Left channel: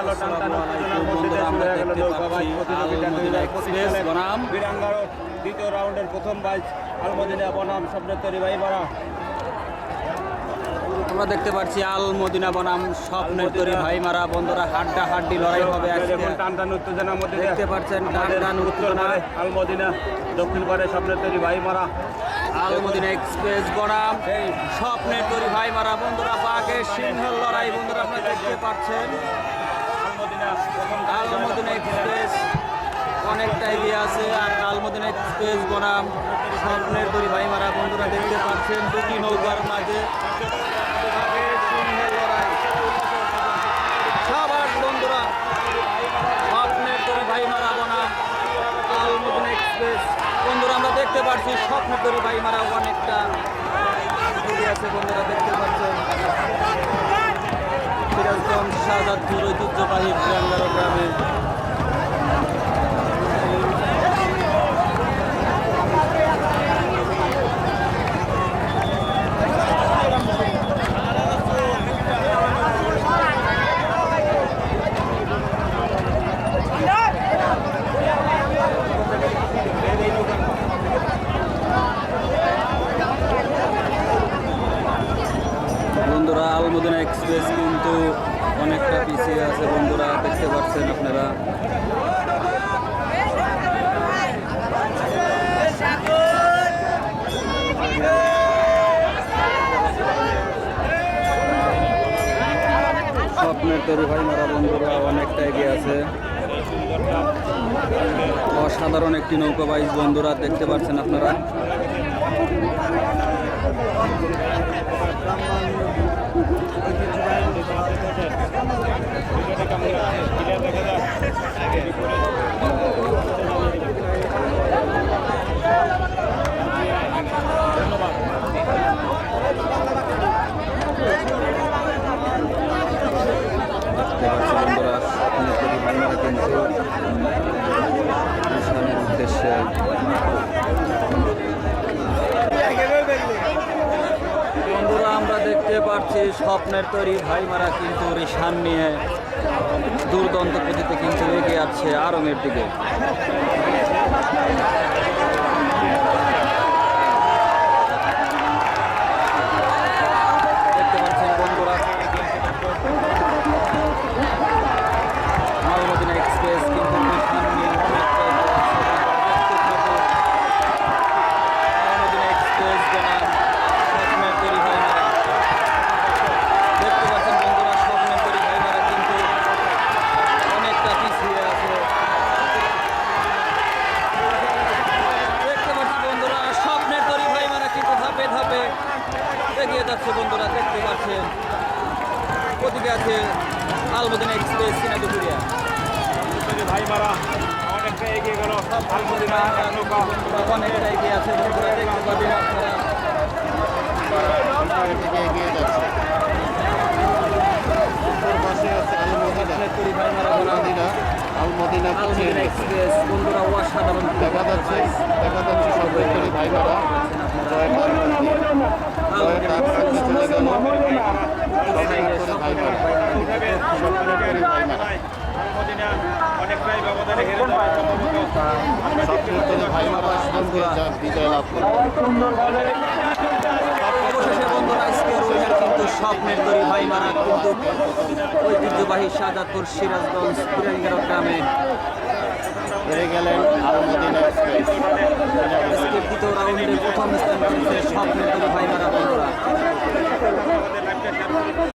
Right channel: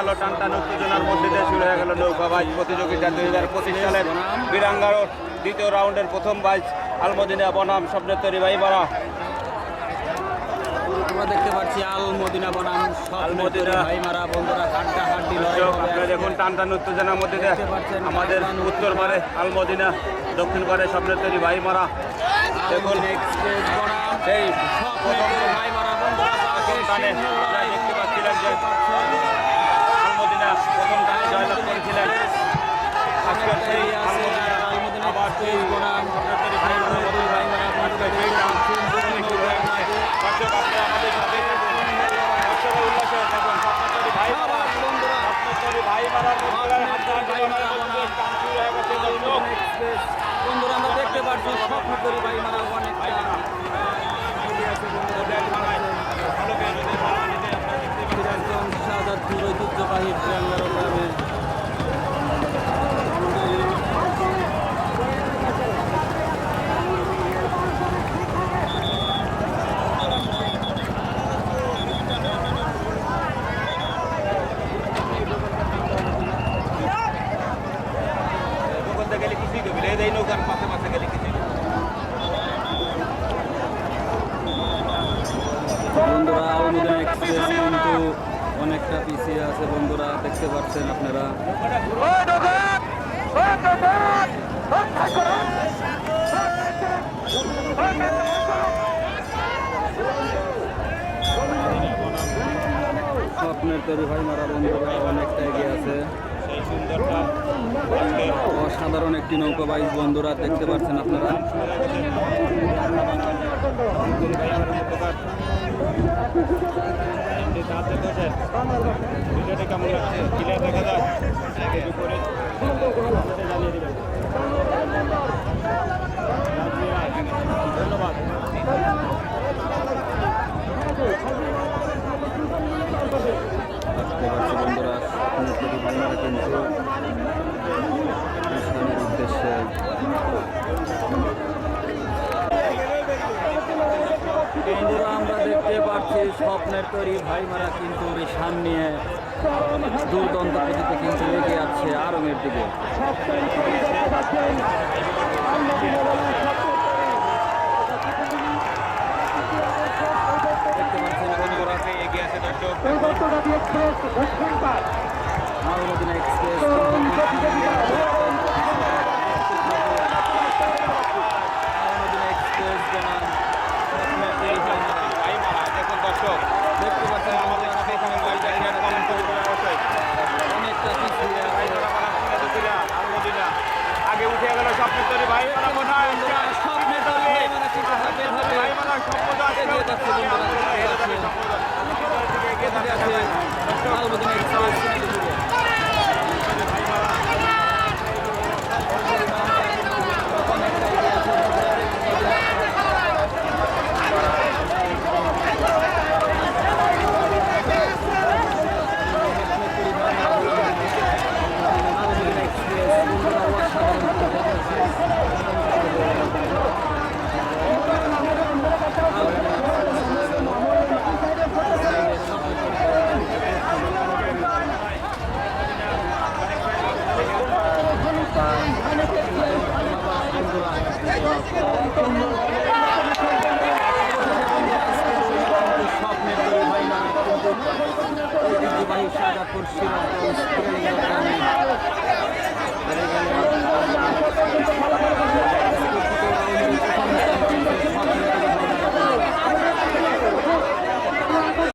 গেল টানটান উত্তেজনার মধ্যে দিয়ে শুরু হয়ে গেল নৌকা বাইচ প্রতিযোগিতা 2025 সালের বীরাঙ্গার দ্বিতীয় রাউন্ডের প্রথম বাইচ আলমদিনা বনাম স্বপ্নের তৈরি ভাইমারা। আমরা দেখতে পাচ্ছি আলমদিনা বনাম স্বপ্নের তৈরি ভাইমারা। বন্ধুরা হাড্ডাহাড্ডি লড়াই হবে। দেখুন টানটান উত্তেজনার মধ্যে দিয়ে আমাদের উত্তর পারে আলমদিনা, দক্ষিণ পারে স্বপ্নের তৈরি ভাইমারা। দেখুন এক্সপ্রেস বনাম এই স্বপ্নের তৈরি ভাইমারা। বন্ধুরা দেখতে পাচ্ছিলেন যে আলমদিনা প্রথম টানে জয়লাভ করেছিলেন। আছে আলমদিনা এক্সপ্রেস বনাম স্বপ্নের তৈরি ভাইমারা। বন্ধুরা দেখতে পাচ্ছেন দুটি নৌকার মাঝে বন্ধুরা আমরা দেখতে পাচ্ছি স্বপ্ন তৈরি ভাইমারা অনেকটা শাহজাদপুর ঐতিহ্যবাহী গ্রামে বন্ধুরা আলমদিনা এক্সপ্রেস কিন্তু অনেকটা পিছিয়ে আছে। বন্ধুরা দেখতে পাচ্ছেন আপনারা। স্বপ্নের তৈরি ভাইমারা বন্ধুরা অনেকটা এগিয়ে আছে। অসাধারণ একটি নৌকা বাইচ বন্ধুরা দেখতে পাচ্ছেন আপনারা। আমরা দেখতে পাচ্ছি স্বপ্নের তৈরি ভাইমারা কিন্তু রেশান নিয়ে দুর্দান্ত গতিতে কিন্তু এগিয়ে যাচ্ছে আরঙের দিকে। দেখতে পাচ্ছেন বন্ধুরা আলমদিনা এক্সপ্রেস আলমদিনা এক্সপ্রেস ভাইমারা স্বপ্নের তৈরি ভাইমারা ঐতিহ্যবাহী শাহজাদপুর সিরাজগঞ্জ